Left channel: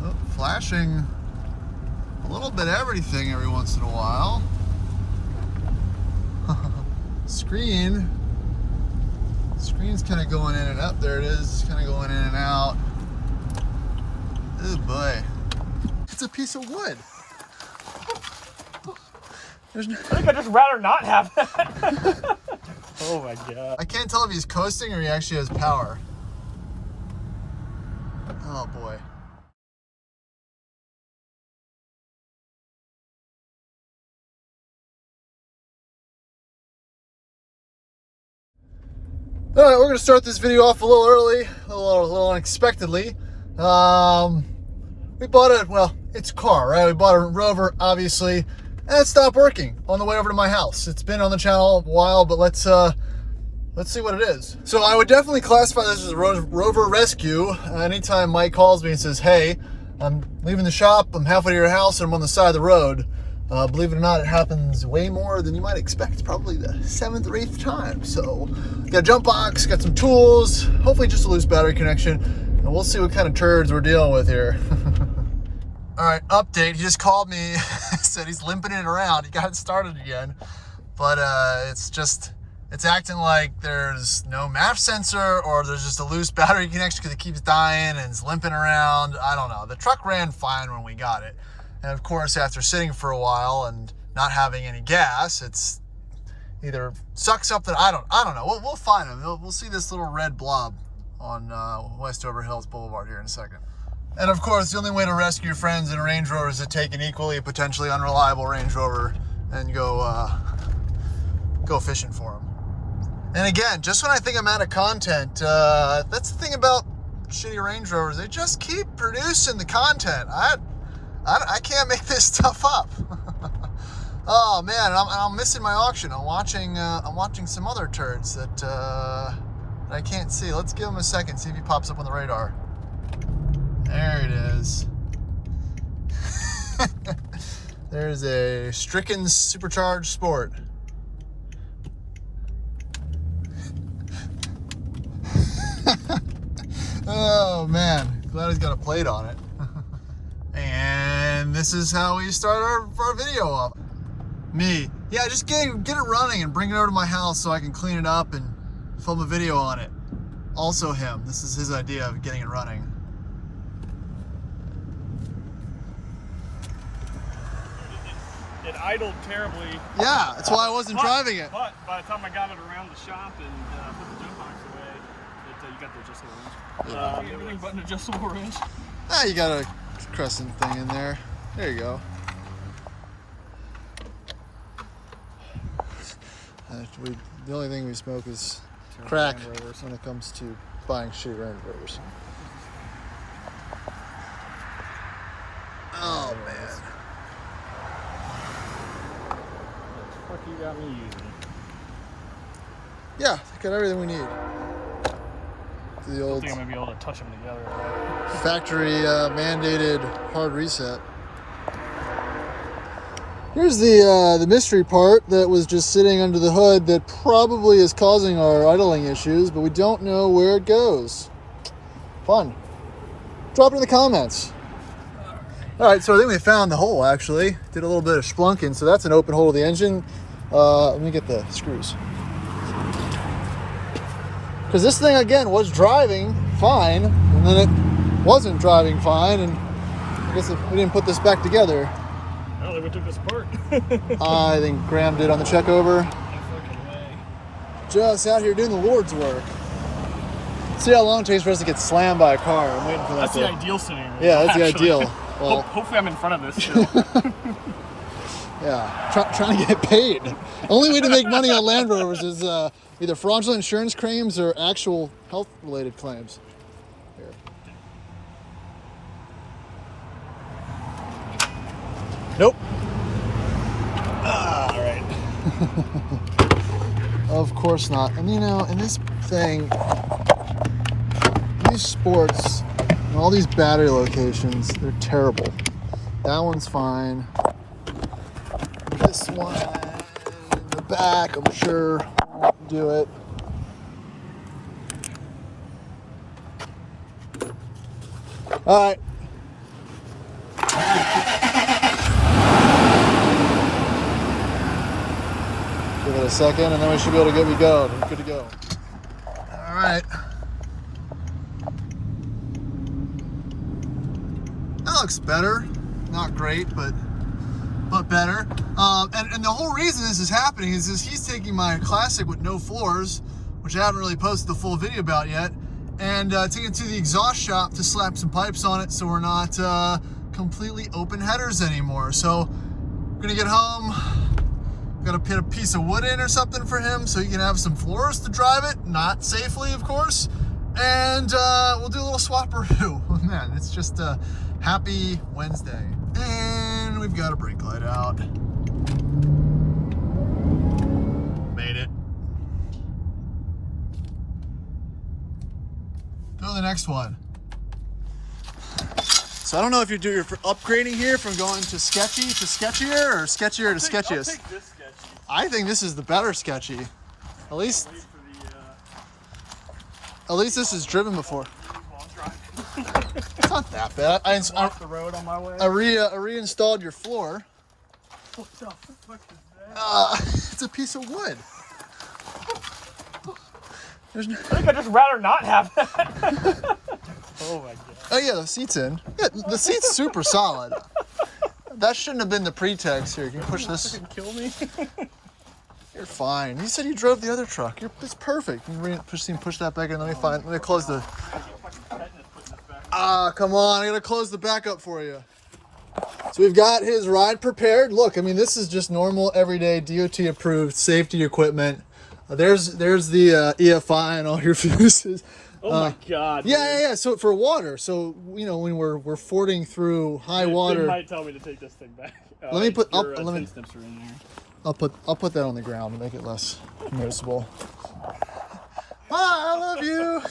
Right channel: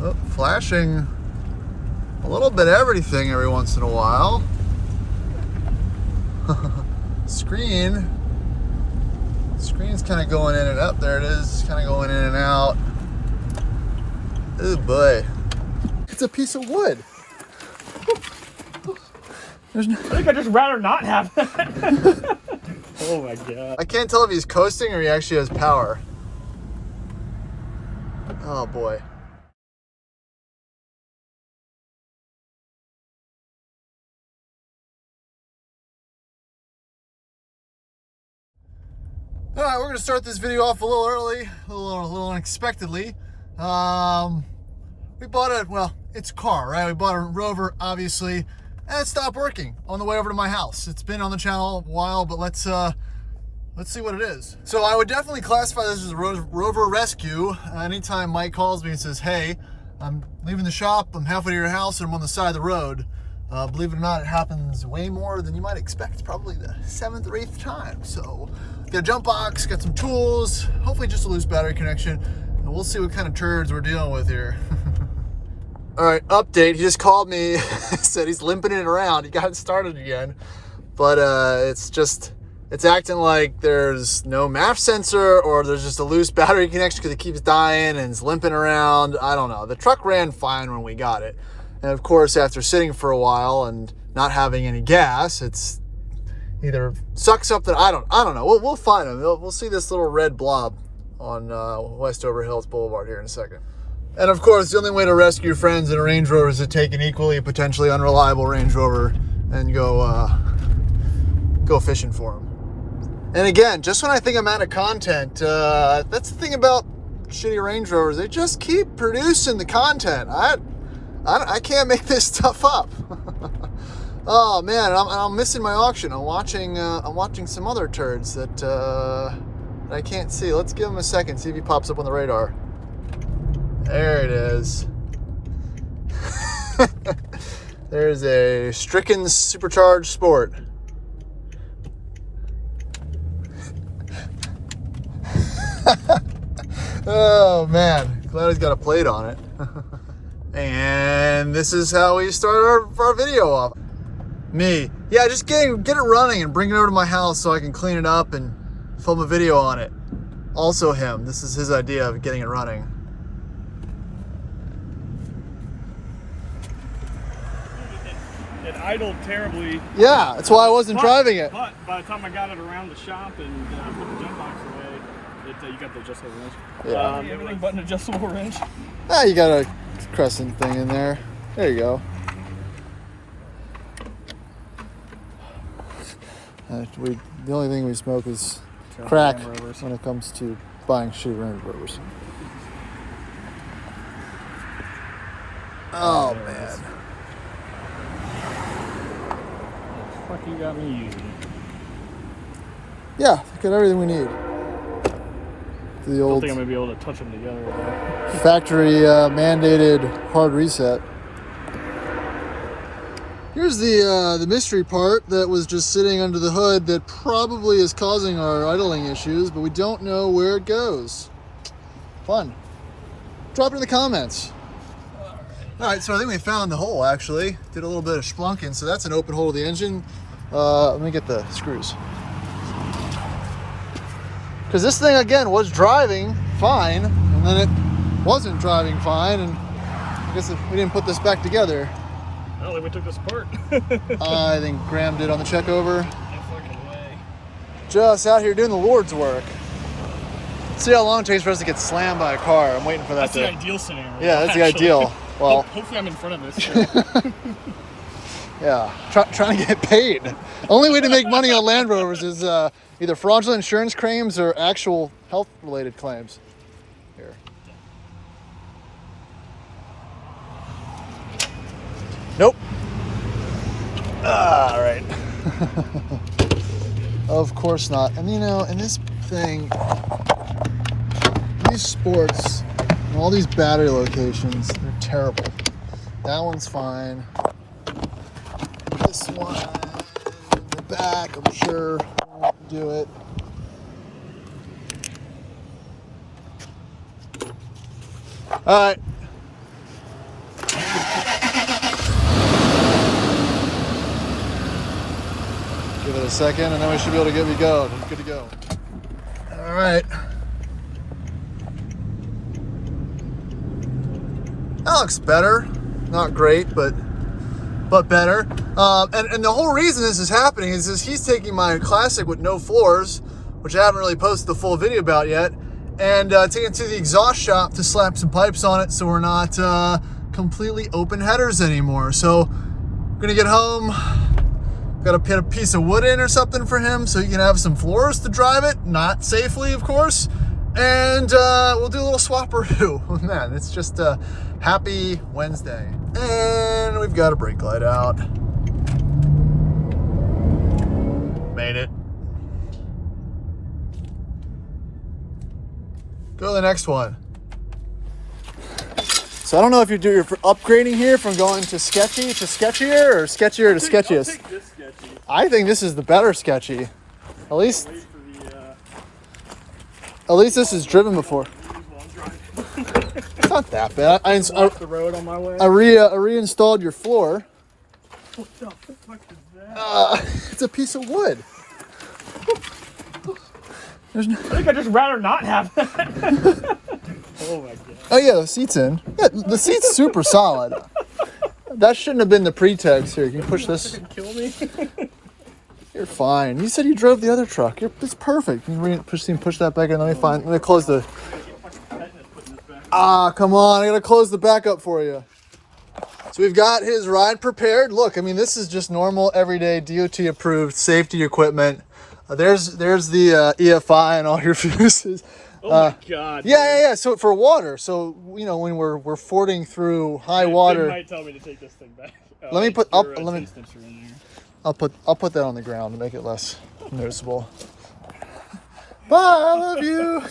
Oh, flashing a little bit everything every once in a while. Screen's kind of going in and out. There it is, kind of going in and out. Oh boy, it's a piece of wood. I think I'd just rather not have that. Oh my god. I can't tell if he's coasting or he actually has power. Oh boy. All right, we're gonna start this video off a little early, a little unexpectedly. We bought it's a car, right? We bought a Rover, obviously, and it stopped working on the way over to my house. It's been on the channel a while, but let's see what it is. So I would definitely classify this as a Rover rescue. Anytime Mike calls me and says, hey, I'm leaving the shop, I'm halfway to your house, and I'm on the side of the road. Believe it or not, it happens way more than you might expect. Probably the 7th or 8th time. So got a jump box, got some tools, hopefully just a loose battery connection, and we'll see what kind of turds we're dealing with here. All right, update. He just called me, said he's limping it around. He got it started again, but it's acting like there's no MAF sensor or there's just a loose battery connection because it keeps dying and it's limping around. I don't know. The truck ran fine when we got it. And of course, after sitting for a while and not having any gas, it's either sucks up that I don't know. We'll find them. We'll see this little red blob on Westover Hills Boulevard here in a second. And of course, the only way to rescue your friends in a Range Rover is to take an equally potentially unreliable Range Rover and go fishing for them. And again, just when I think I'm out of content, that's the thing about shitty Range Rovers. They just keep producing the content. I can't make this stuff up. Oh man, I'm missing my auction. I'm watching some other turds that I can't see. Let's give him a second, see if he pops up on the radar. There it is. There's a stricken Supercharged Sport. Oh man, glad he's got a plate on it. And this is how we start our video off. Me, yeah, just get it running and bring it over to my house so I can clean it up and film a video on it. Also him, this is his idea of getting it running. It idled terribly. Yeah, that's why I wasn't driving it. But by the time I got it around the shop and put the jump box away, you got the adjustable wrench. Yeah. Everything but an adjustable wrench. Ah, you got a crescent thing in there. There you go. The only thing we smoke is crack when it comes to buying shitty Range Rovers. Oh man. What the fuck you got me using? Yeah, got everything we need. The old, I don't think I'm gonna be able to touch them together though. Factory mandated hard reset. Here's the mystery part that was just sitting under the hood that probably is causing our idling issues, but we don't know where it goes. Fun. Drop it in the comments. All right, so I think we found the hole actually. Did a little bit of splunking, so that's an open hole of the engine. Let me get the screws. Because this thing, again, was driving fine, and then it wasn't driving fine, and I guess if we didn't put this back together. I don't think we took this apart. I think Graham did on the check over. Just out here doing the Lord's work. See how long it takes for us to get slammed by a car. I'm waiting for that. That's the ideal scenario. Yeah, that's actually. the ideal. Well, hopefully I'm in front of this still. Yeah, trying to get paid. Only way to make money on Land Rovers is either fraudulent insurance claims or actual health-related claims. Here. Nope. All right. Of course not. And you know, in this thing, these sports, and all these battery locations, they're terrible. That one's fine. This one in the back, I'm sure won't do it. All right. a second, and then we should be able to get good to go. All right. That looks better. Not great, but better. And the whole reason this is happening is he's taking my Classic with no floors, which I haven't really posted the full video about yet, and taking it to the exhaust shop to slap some pipes on it so we're not completely open headers anymore. So we're gonna get home, gotta put a piece of wood in or something for him so he can have some floors to drive it, not safely of course, and we'll do a little swapperoo. Man, it's just a happy Wednesday. And we've got a brake light out. Made it. Go to the next one. So I don't know if you're upgrading here from going to sketchy to sketchier or sketchier to sketchiest. I'll take this sketchy. I think this is the better sketchy. At least this is driven before. It's not that bad. I the road on my way. I reinstalled your floor. What the fuck is that? It's a piece of wood. I think I'd just rather not have that. Oh my god. Oh yeah, the seat's in. Yeah, the seat's super solid. That shouldn't have been the pretext here. Can you push this? Kill me. You're fine. You said you drove the other truck. It's perfect. You can push that back in. Let me close the. Come on. I gotta close the back up for you. So we've got his ride prepared. Look, I mean, this is just normal, everyday DOT approved safety equipment. There's the EFI and all your fuses. Oh my god. Yeah. So for water. So you know when we're fording through high water. You might tell me to take this thing back. Let me put. I'll put that on the ground to make it less noticeable. Bye. I love you.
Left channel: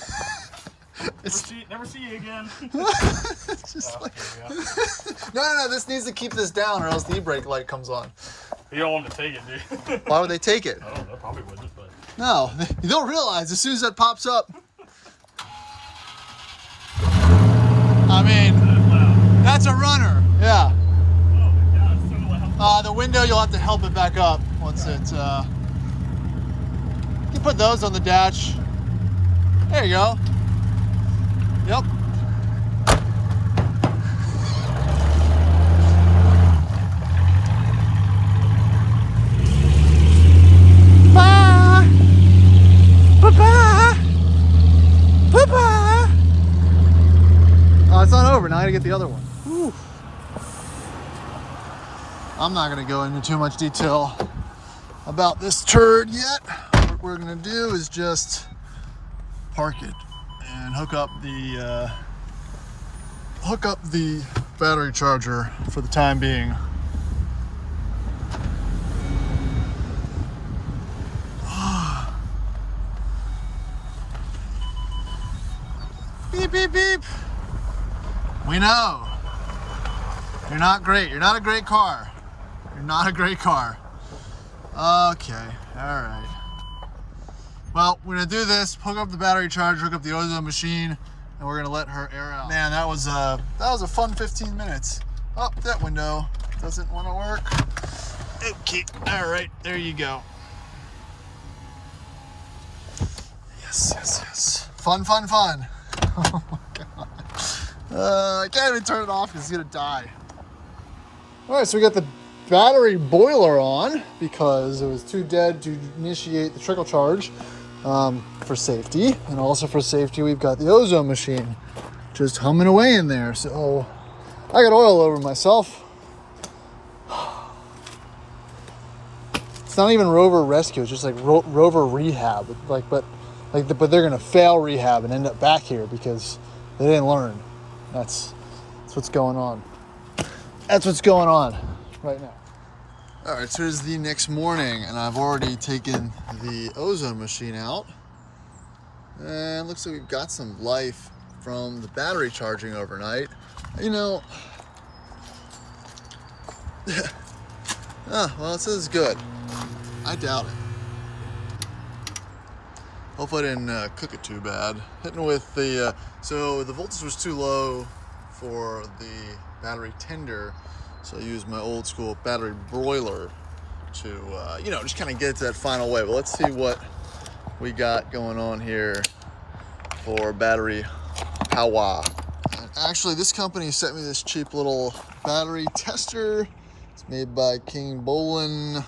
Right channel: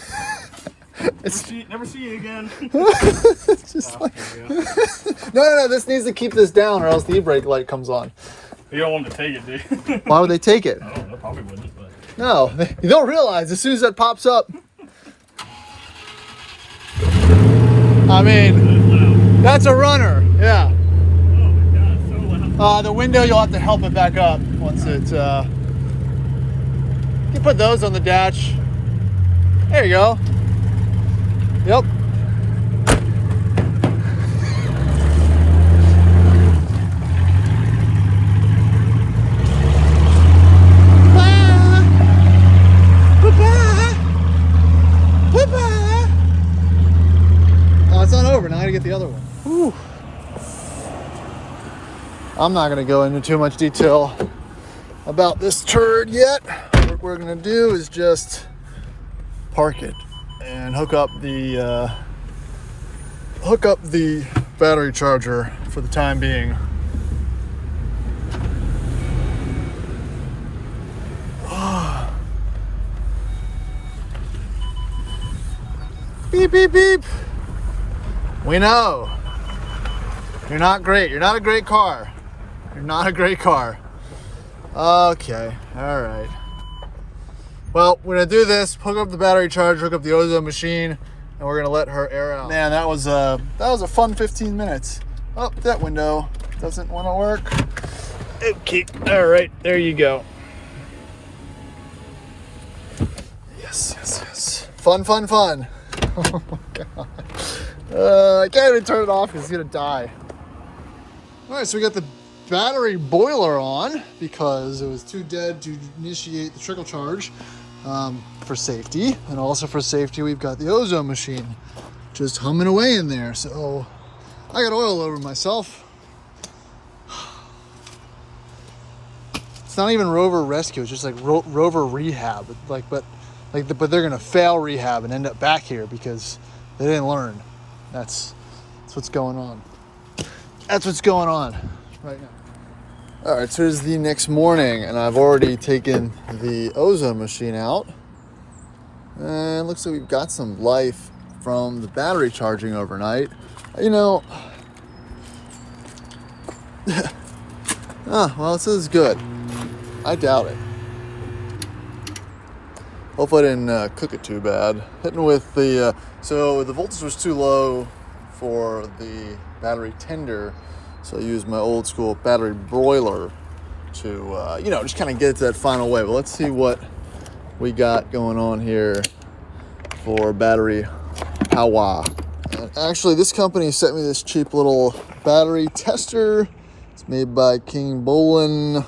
Never see you again. It's just like no. This needs to keep this down, or else the e-brake light comes on. You don't want them to take it, do you? Why would they take it? Oh, they probably wouldn't. But No, you don't realize as soon as that pops up. I mean, that's a runner. Yeah. oh my god, it's so loud. The window, you'll have to help it back up once it's. You can put those on the dash. There you go. Yep. Oh, it's not over. Now I gotta get the other one. Whew. I'm not gonna go into too much detail about this turd yet. What we're gonna do is just park it and hook up the battery charger for the time being. Beep, beep, beep. We know. You're not great. You're not a great car. You're not a great car. Okay, all right. Well, we're gonna do this, hook up the battery charger, hook up the ozone machine, and we're gonna let her air out. Man, that was a fun 15 minutes. Oh, that window doesn't wanna work. Okay, all right, there you go. Yes. Fun. Oh my god. I can't even turn it off because it's gonna die. All right, so we got the battery boiler on because it was too dead to initiate the trickle charge for safety. And also for safety, we've got the ozone machine just humming away in there. So I got oil over myself. It's not even Rover Rescue, it's just like Rover Rehab. But they're gonna fail rehab and end up back here because they didn't learn. That's what's going on. That's what's going on right now. All right, so it's the next morning and I've already taken the ozone machine out. And it looks like we've got some life from the battery charging overnight. You know, well, it says good. I doubt it. Hopefully I didn't cook it too bad. Hitting with the, so the voltage was too low for the battery tender. So I used my old school battery broiler to you know, just kind of get it to that final way. But let's see what we got going on here for battery power. Actually, this company sent me this cheap little battery tester. It's made by King Bolin.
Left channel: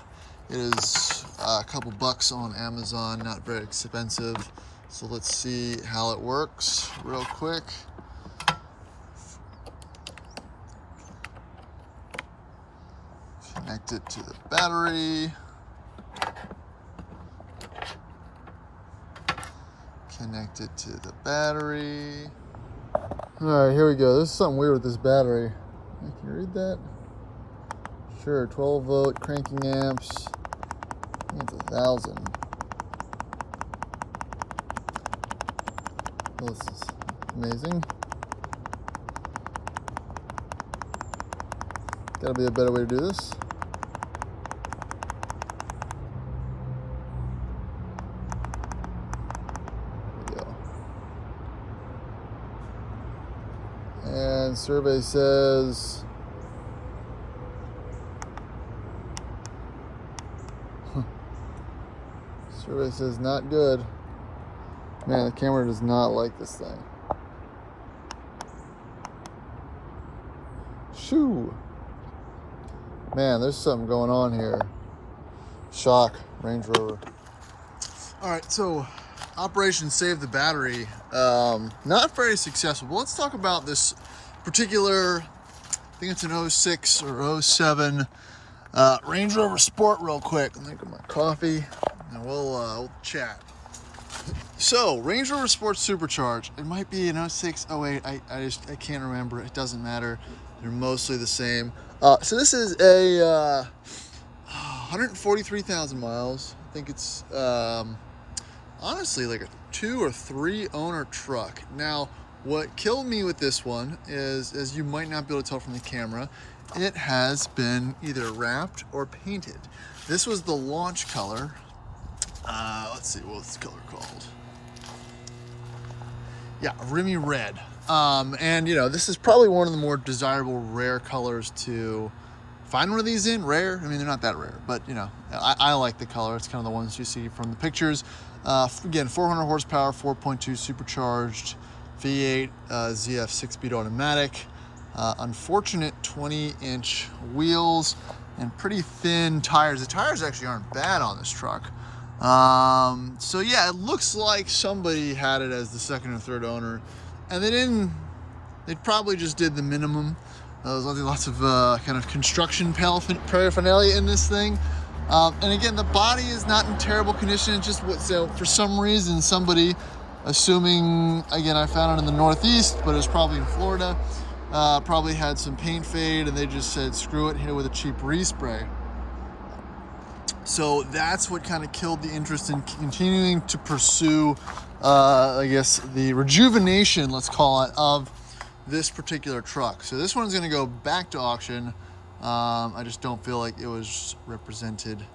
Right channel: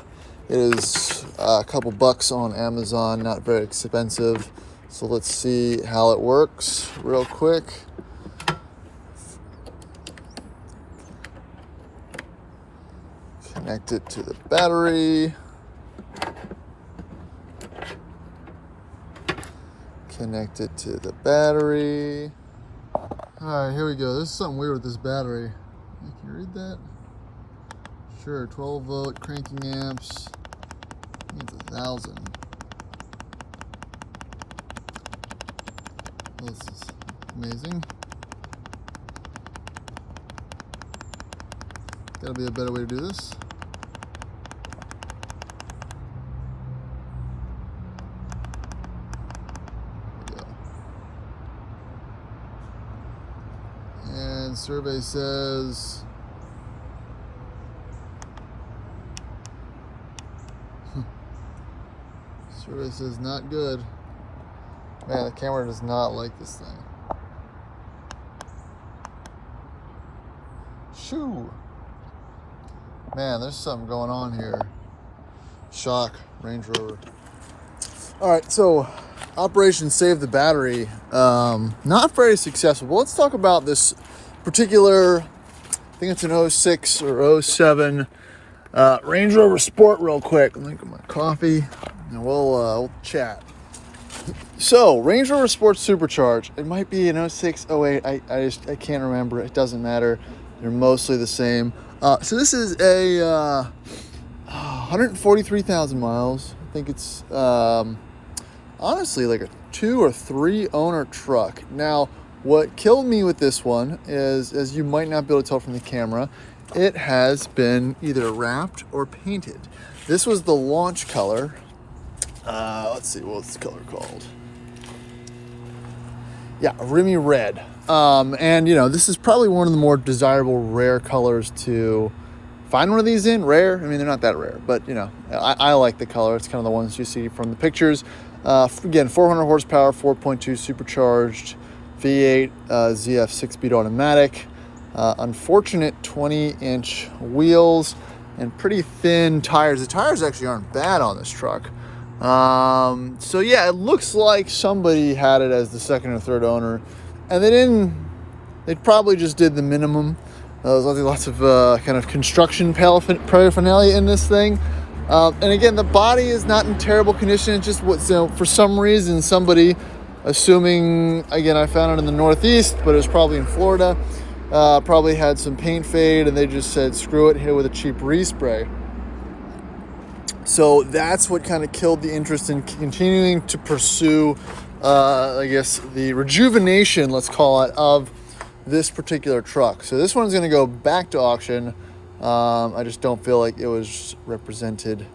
It is a couple bucks on Amazon, not very expensive. So let's see how it works real quick. Connect it to the battery. Connect it to the battery. All right, here we go. There's something weird with this battery. Can you read that? Sure, 12 volt cranking amps. I think it's 1,000. This is amazing. Gotta be a better way to do this. And survey says not good. Man, the camera does not like this thing. Shoo! Man, there's something going on here. Shock, Range Rover. All right, so Operation Save the Battery, not very successful. But let's talk about this particular, I think it's an 06 or 07 Range Rover Sport real quick. Let me get my coffee and we'll chat. So, Range Rover Sport Supercharged. It might be an 06, 08. I can't remember. It doesn't matter. They're mostly the same. So this is a 143,000 miles. I think it's honestly like a 2 or 3 owner truck. Now, what killed me with this one is, as you might not be able to tell from the camera, it has been either wrapped or painted. This was the launch color. Let's see, what's the color called? Yeah, Remy Red. And you know, this is probably one of the more desirable, rare colors to find one of these in. Rare, I mean, they're not that rare, but you know, I like the color. It's kind of the ones you see from the pictures. Again, 400 horsepower, 4.2 supercharged, V8, ZF 6-speed automatic. Unfortunate 20-inch wheels and pretty thin tires. The tires actually aren't bad on this truck. So yeah, it looks like somebody had it as the second or third owner, and they probably just did the minimum. There's lots of kind of construction paraphernalia in this thing. And again, the body is not in terrible condition. It's just what, you know, for some reason, somebody, assuming, again, I found it in the Northeast, but it was probably in Florida, probably had some paint fade, and they just said, screw it, hit it with a cheap respray. So that's what kind of killed the interest in continuing to pursue, I guess, the rejuvenation, let's call it, of this particular truck. So this one's going to go back to auction. I just don't feel like it was represented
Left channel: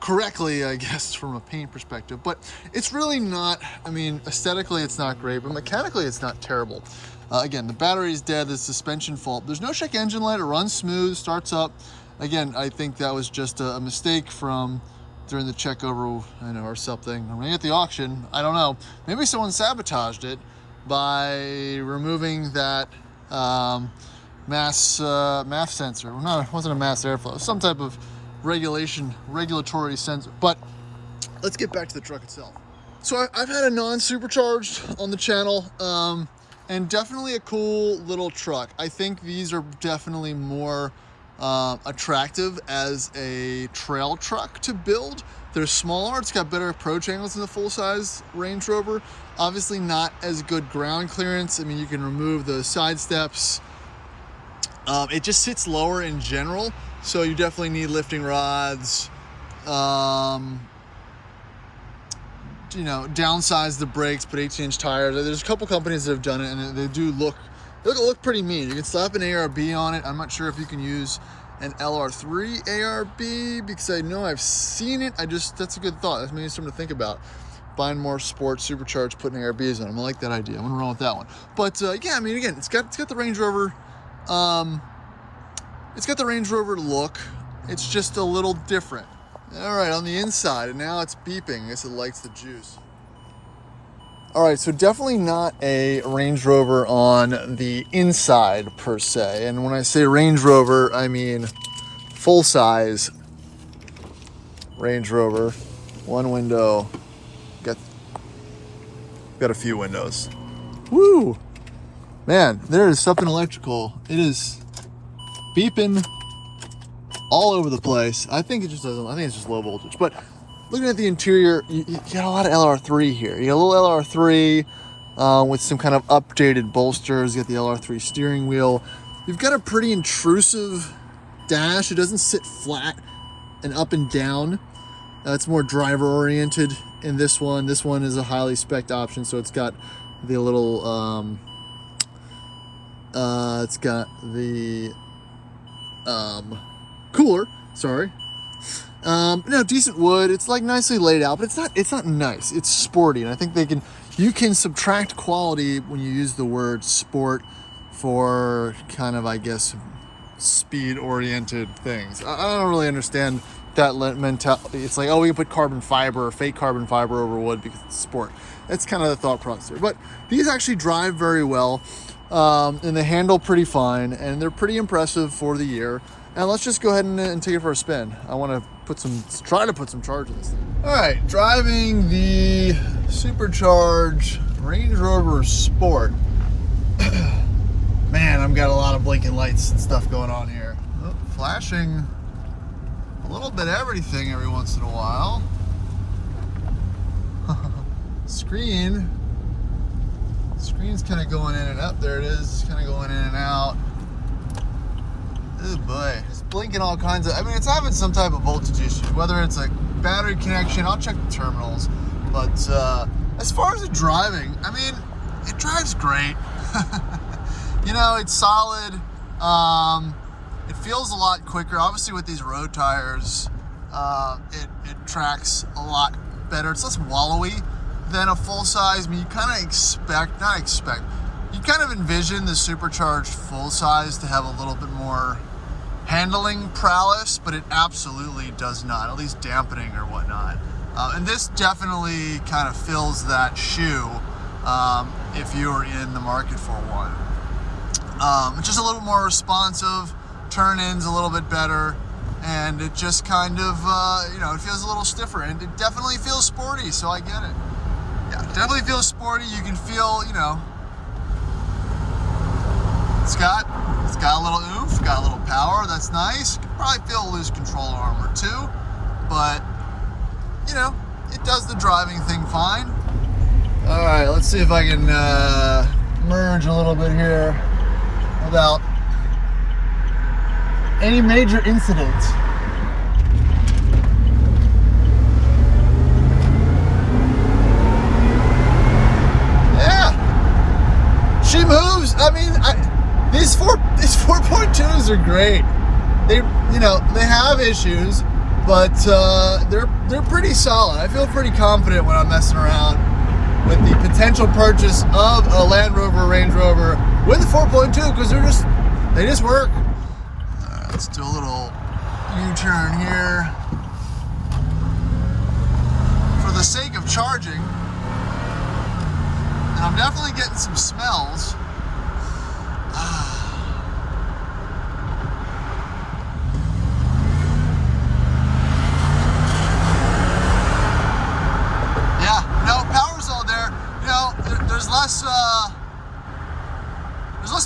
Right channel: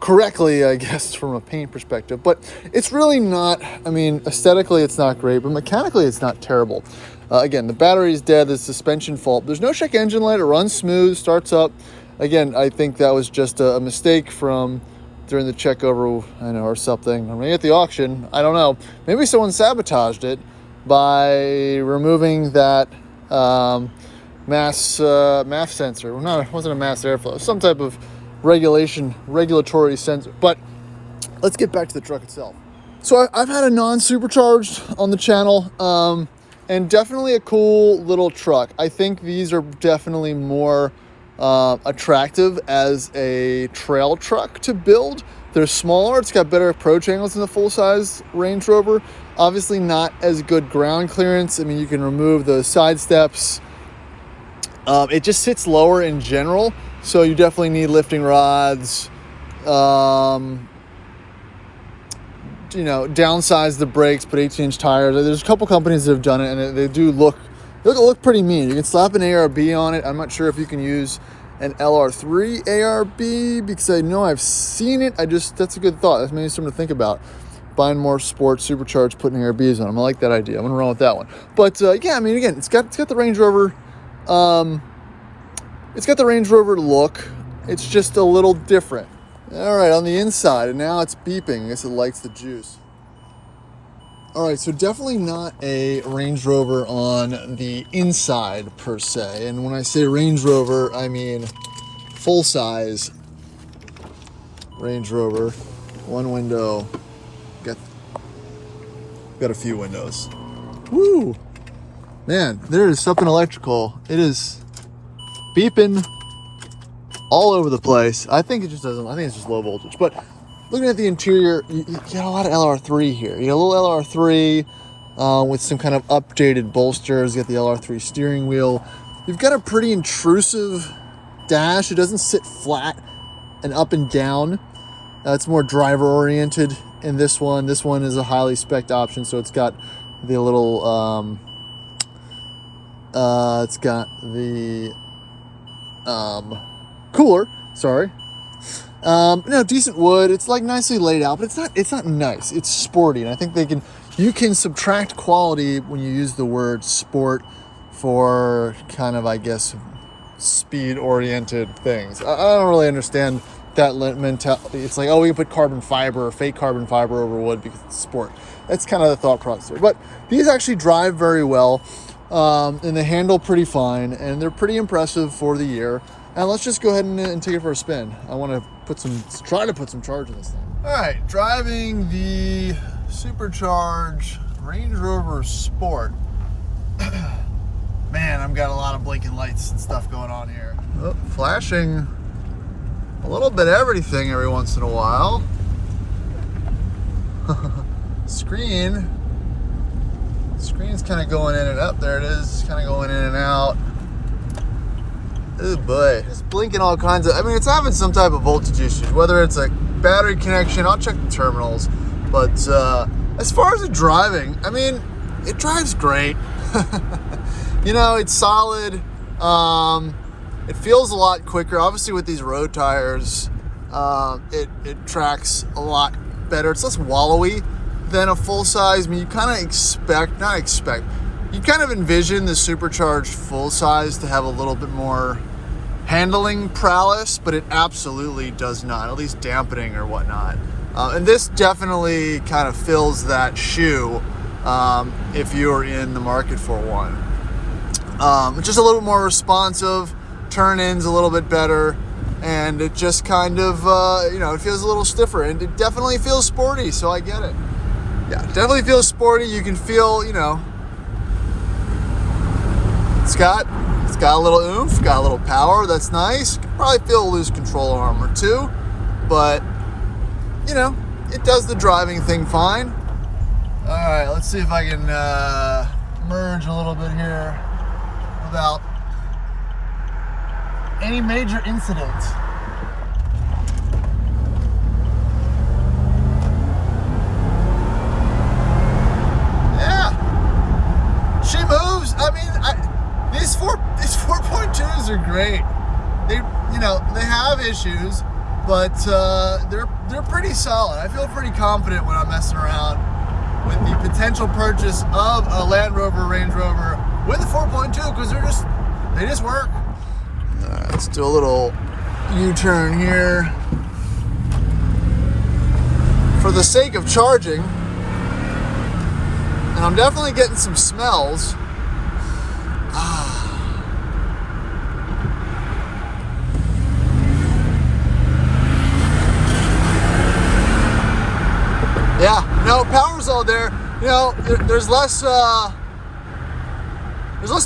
correctly, I guess, from a paint perspective. But it's really not, I mean, aesthetically it's not great, but mechanically it's not terrible. Again, the battery's dead, the suspension fault. There's no check engine light, it runs smooth, starts up. Again, I think that was just a mistake from during the check over, I know, or something. Or maybe at the auction, I don't know. Maybe someone sabotaged it by removing that MAF sensor. Well, no, it wasn't a mass airflow. It was some type of regulatory sensor. But let's get back to the truck itself. So I've had a non-supercharged on the channel, and definitely a cool little truck. I think these are definitely more attractive as a trail truck to build. They're smaller, it's got better approach angles than the full-size Range Rover. Obviously not as good ground clearance. I mean, you can remove those side steps. It just sits lower in general, so you definitely need lifting rods. You know, downsize the brakes, put 18-inch tires. There's a couple companies that have done it, and they do look pretty mean. You can slap an ARB on it. I'm not sure if you can use an LR3 ARB, because I know I've seen it. That's a good thought. That's maybe something to think about. Buying more sports supercharged, putting ARBs on them. I like that idea. I'm gonna run with that one. But yeah, I mean, again, it's got the Range Rover. It's got the Range Rover look, It's just a little different. All right, on the inside, and now it's beeping. I guess it likes the juice. All right, so definitely not a Range Rover on the inside per se. And when I say Range Rover, I mean full-size Range Rover. One window, got a few windows. Woo! Man, there is something electrical. It is beeping all over the place. I think it just doesn't, I think it's just low voltage. But looking at the interior, you got a lot of LR3 here. You got a little LR3 with some kind of updated bolsters. You got the LR3 steering wheel. You've got a pretty intrusive dash. It doesn't sit flat and up and down. It's more driver oriented in this one. This one is a highly spec'd option, so it's got the little it's got the cooler, sorry. No, decent wood. It's like nicely laid out, but it's not nice. It's sporty, and I think you can subtract quality when you use the word sport for kind of, I guess, speed oriented things. I don't really understand that mentality. It's like, oh, we can put carbon fiber or fake carbon fiber over wood because it's sport. That's kind of the thought process here. But these actually drive very well, and they handle pretty fine, and they're pretty impressive for the year. And let's just go ahead and take it for a spin. I want to try to put some charge in this thing. All right, driving the Supercharged Range Rover Sport. Man, I've got a lot of blinking lights and stuff going on here. Oh, flashing a little bit everything every once in a while. Screen's kind of going in and out. There it is, kind of going in and out. Oh boy, it's blinking all kinds of, I mean, it's having some type of voltage issues, whether it's a battery connection. I'll check the terminals. But as far as the driving, I mean, it drives great. You know, it's solid. It feels a lot quicker. Obviously with these road tires, it tracks a lot better. It's less wallowy than a full size. I mean, you kind of you kind of envision the Supercharged full size to have a little bit more handling prowess, but it absolutely does not, at least dampening or whatnot. And this definitely kind of fills that shoe if you're in the market for one. It's just a little more responsive, turn-ins a little bit better, and it just kind of, you know, it feels a little stiffer, and it definitely feels sporty, so I get it. Yeah, definitely feels sporty. You can feel, you know, it's got a little oomph, got a little power. That's nice. You can probably feel a loose control arm or two, but you know, it does the driving thing fine. All right, let's see if I can merge a little bit here without any major incident. Yeah, she moves. I mean, these 4.2s are great. They, you know, they have issues, but they're pretty solid. I feel pretty confident when I'm messing around with the potential purchase of a Land Rover, Range Rover with the 4.2, because they just work. Let's do a little U-turn here for the sake of charging, and I'm definitely getting some smells. Yeah, no, power's all there. You know, there's less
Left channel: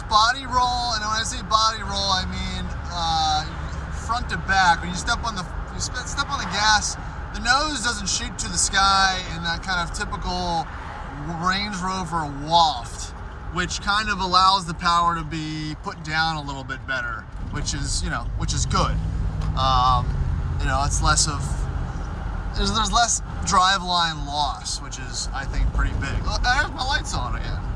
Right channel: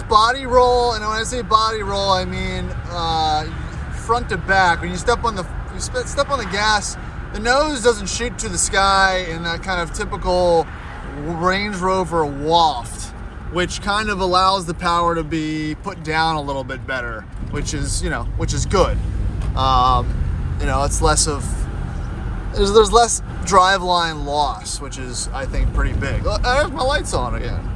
body roll, and when I say body roll, I mean front to back. When you step on the gas, the nose doesn't shoot to the sky in that kind of typical Range Rover waft, which kind of allows the power to be put down a little bit better, which is good. You know, it's less of, there's less driveline loss, which is, I think, pretty big. Oh, I have my lights on again.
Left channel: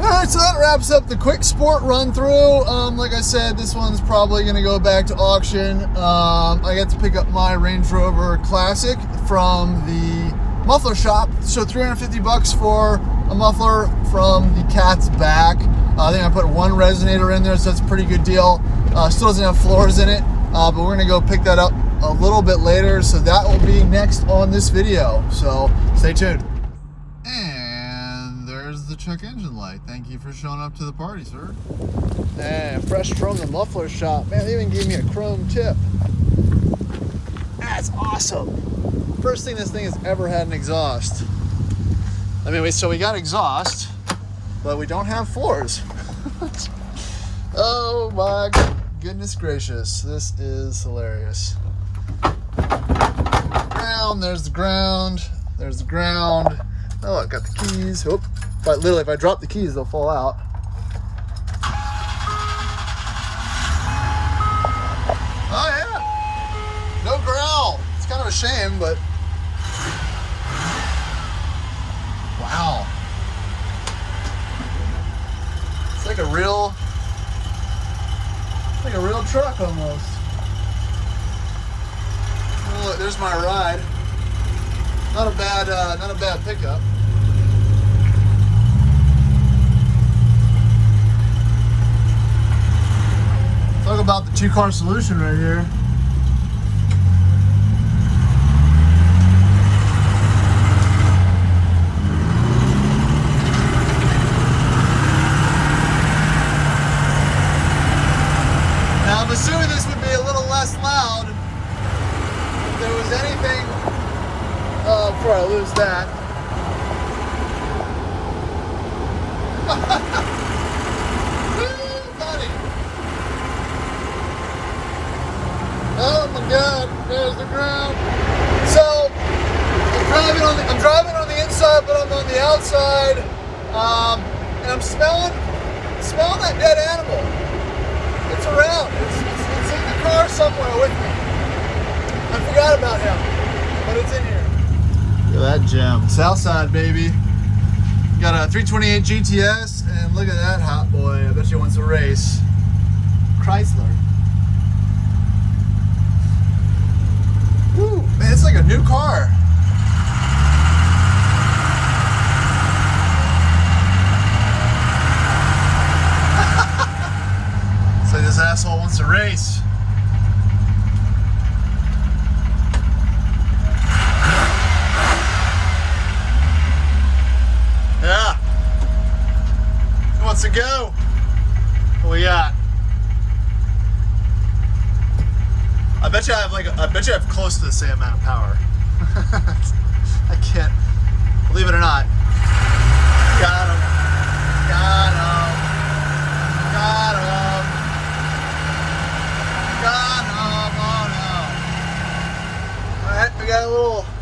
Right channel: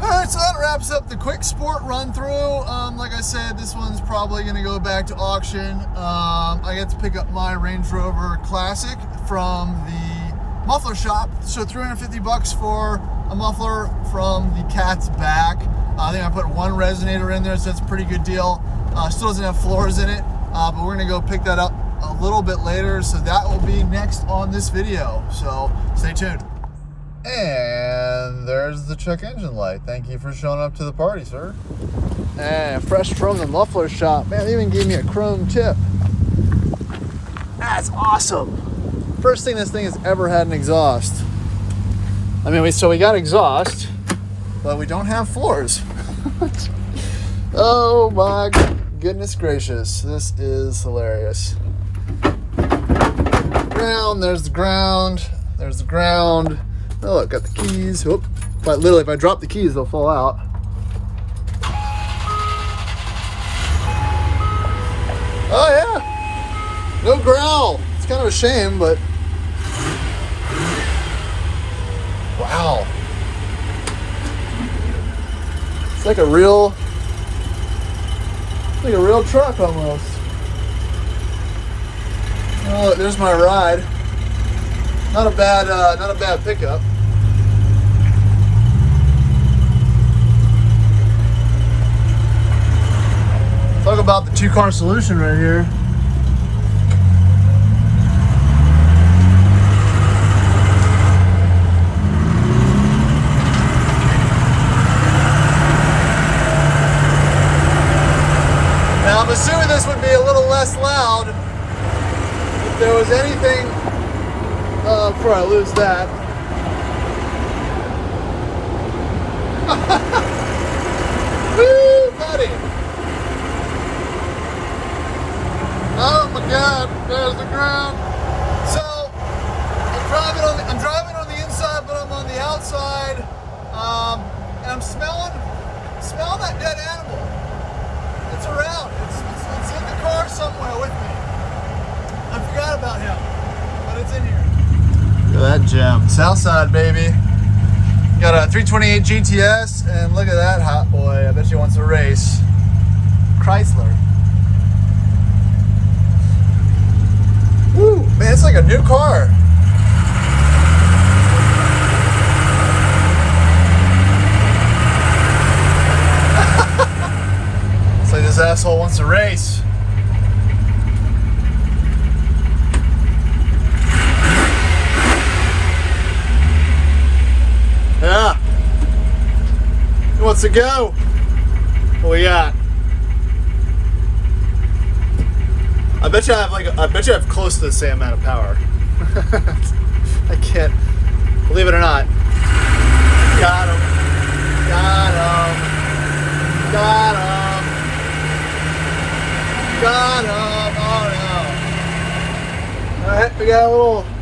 All right, so that wraps up the quick sport run through. Like I said, this one's probably gonna go back to auction. I got to pick up my Range Rover Classic from the muffler shop. So $350 for a muffler from the cat's back. I think I put one resonator in there, so that's a pretty good deal. Still doesn't have floors in it. but we're gonna go pick that up a little bit later, so that will be next on this video, so stay tuned. And there's the check engine light. Thank you for showing up to the party, sir. And fresh from the muffler shop. Man, they even gave me a chrome tip. That's awesome. First thing this thing has ever had an exhaust. I mean, we got exhaust, but we don't have floors. Oh my goodness gracious. This is hilarious. Ground, there's the ground. There's the ground. Oh, I got the keys. Oop. Literally, if I drop the keys, they'll fall out. Oh yeah, no growl. It's kind of a shame, but wow, it's like a real truck almost. Oh, there's my ride. Not a bad pickup. Talk about the two-car solution right here. Now I'm assuming this would be a little less loud if there was anything. Before I lose that. Woo, buddy! Oh my God, there's the ground. So I'm driving on the inside, but I'm on the outside, and I'm smelling that dead animal. It's around. It's in the car somewhere with me. I forgot about him, but it's in here. Look at that gem. Southside, baby. Got a 328 GTS, and look at that hot boy. I bet you wants to race. Chrysler. Woo, man, it's like a new car. It's like this asshole wants to race. Yeah. He wants to go. What we got? I bet you I have close to the same amount of power. I can't believe it or not. Got him. Got him. Got him. Got him. Oh no. Alright, we got a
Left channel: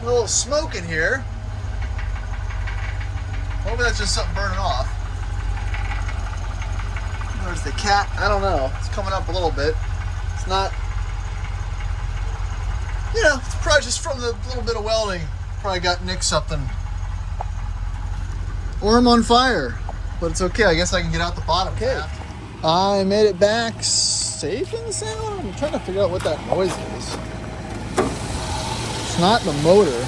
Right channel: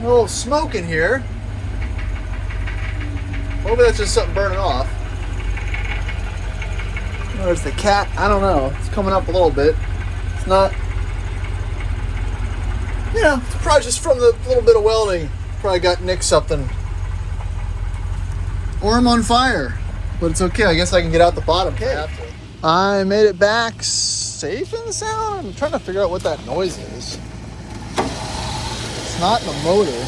little smoke in here. Maybe that's just something burning off. Or it's the cat, I don't know. It's coming up a little bit. It's not, you know, it's probably just from the little bit of welding. Probably got nicked something. Or I'm on fire. But it's okay, I guess I can get out the bottom. Okay. I made it back safe and sound. I'm trying to figure out what that noise is. It's not the motor.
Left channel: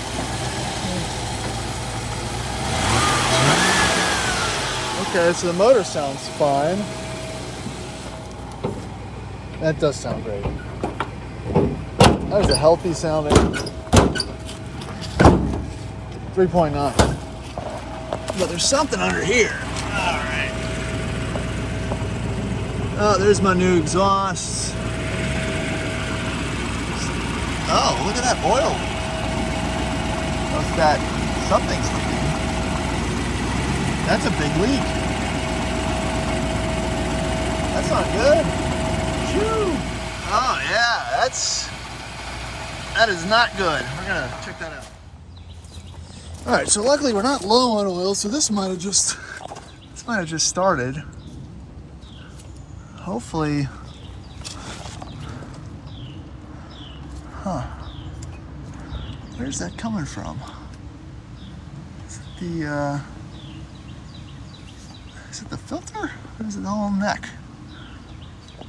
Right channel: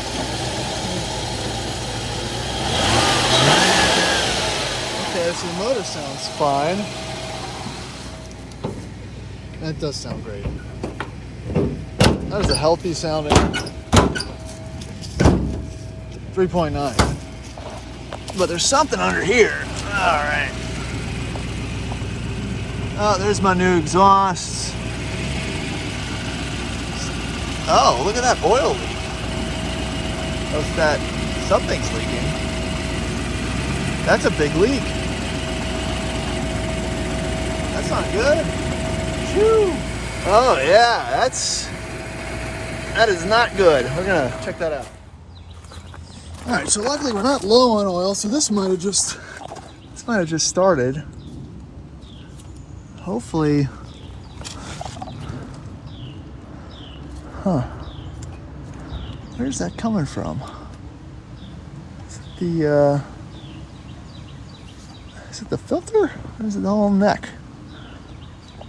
Okay, so the motor sounds fine. That does sound great. That was a healthy sounding 3.9. But there's something under here. All right. Oh, there's my new exhaust. Oh, look at that oil leak. Of that something's leaking. That's a big leak. That's not good. Shoo. Oh yeah, that is not good. We're gonna check that out. All right, so luckily we're not low on oil, so this might have just started. Hopefully, huh? Where's that coming from? Is it the filter, or is it the whole neck?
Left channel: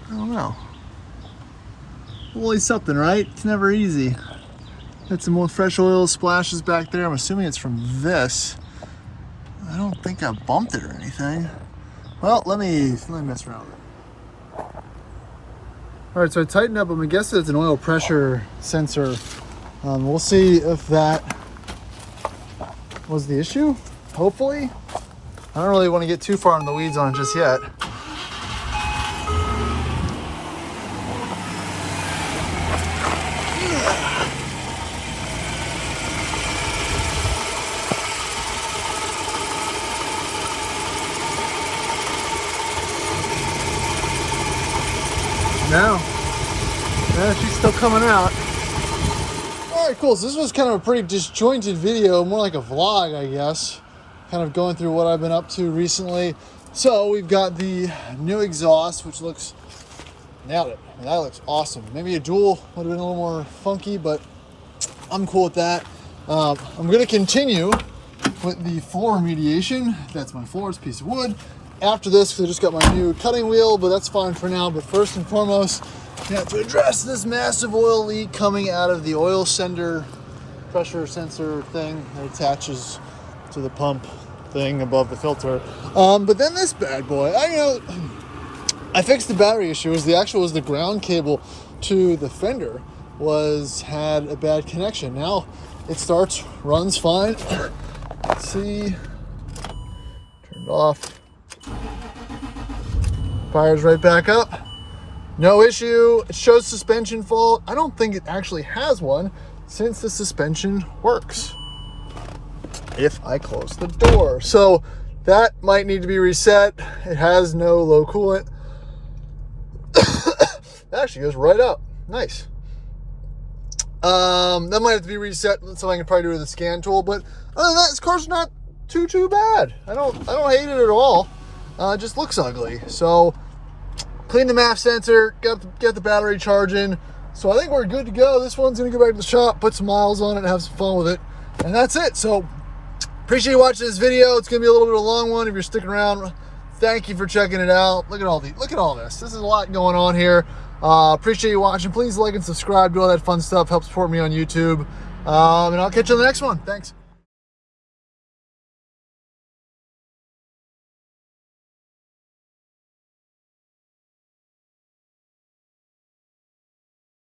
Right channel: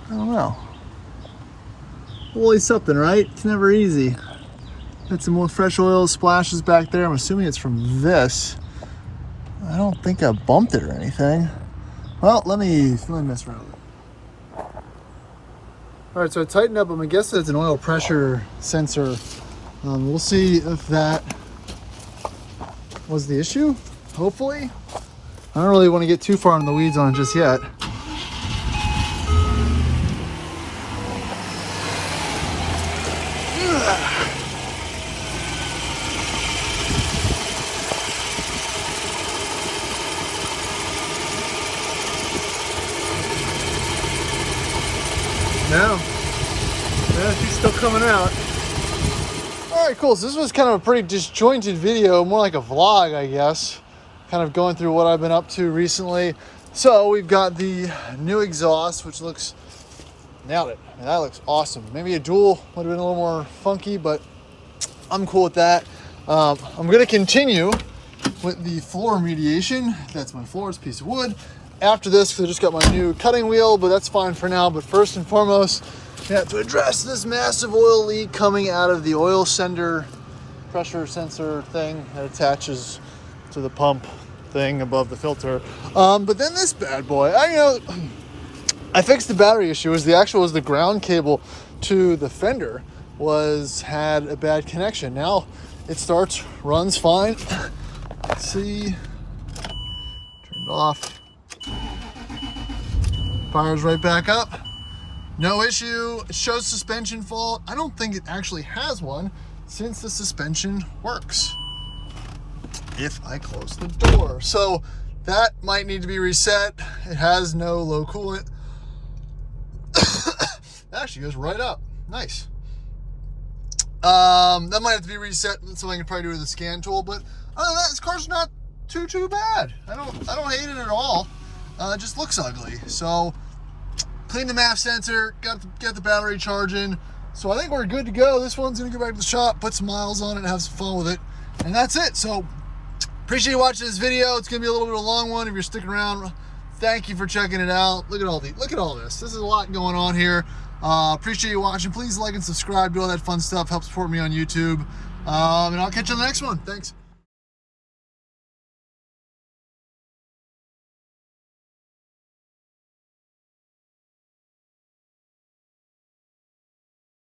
I don't know. Always something, right? It's never easy. Got some more fresh oil splashes back there. I'm assuming it's from this. I don't think I bumped it or anything. Well, let me mess around. All right, so I tightened up. I'm gonna guess it's an oil pressure sensor. We'll see if that was the issue. Hopefully. I don't really want to get too far in the weeds on it just yet. No, she's still coming out. All right, cool. So this was kind of a pretty disjointed video, more like a vlog, I guess. Kind of going through what I've been up to recently. So we've got the new exhaust, which looks, nailed it. That looks awesome. Maybe a dual would have been a little more funky, but I'm cool with that. I'm gonna continue with the floor remediation. That's my floor, it's a piece of wood. After this, I just got my new cutting wheel, but that's fine for now. But first and foremost, we have to address this massive oil leak coming out of the oil sender pressure sensor thing that attaches to the pump thing above the filter. But then this bad boy, I fixed the battery issue. Was the ground cable to the fender had a bad connection. Now it starts, runs fine. Let's see, turned off. Fires right back up. No issue. It shows suspension fault. I don't think it actually has one since the suspension works if I close the door. So that might need to be reset. It has no low coolant. That actually goes right up. Nice. That might have to be reset. That's something I can probably do with a scan tool. But other than that, this car's not too bad. I don't hate it at all. It just looks ugly. So clean the MAF sensor, get the battery charging. So I think we're good to go. This one's gonna go back to the shop, put some miles on it, and have some fun with it. And that's it. So appreciate you watching this video. It's gonna be a little bit of a long one if you're sticking around. Thank you for checking it out. Look at all this. This is a lot going on here. Appreciate you watching. Please like and subscribe, do all that fun stuff. Help support me on YouTube. And I'll catch you on the next one. Thanks.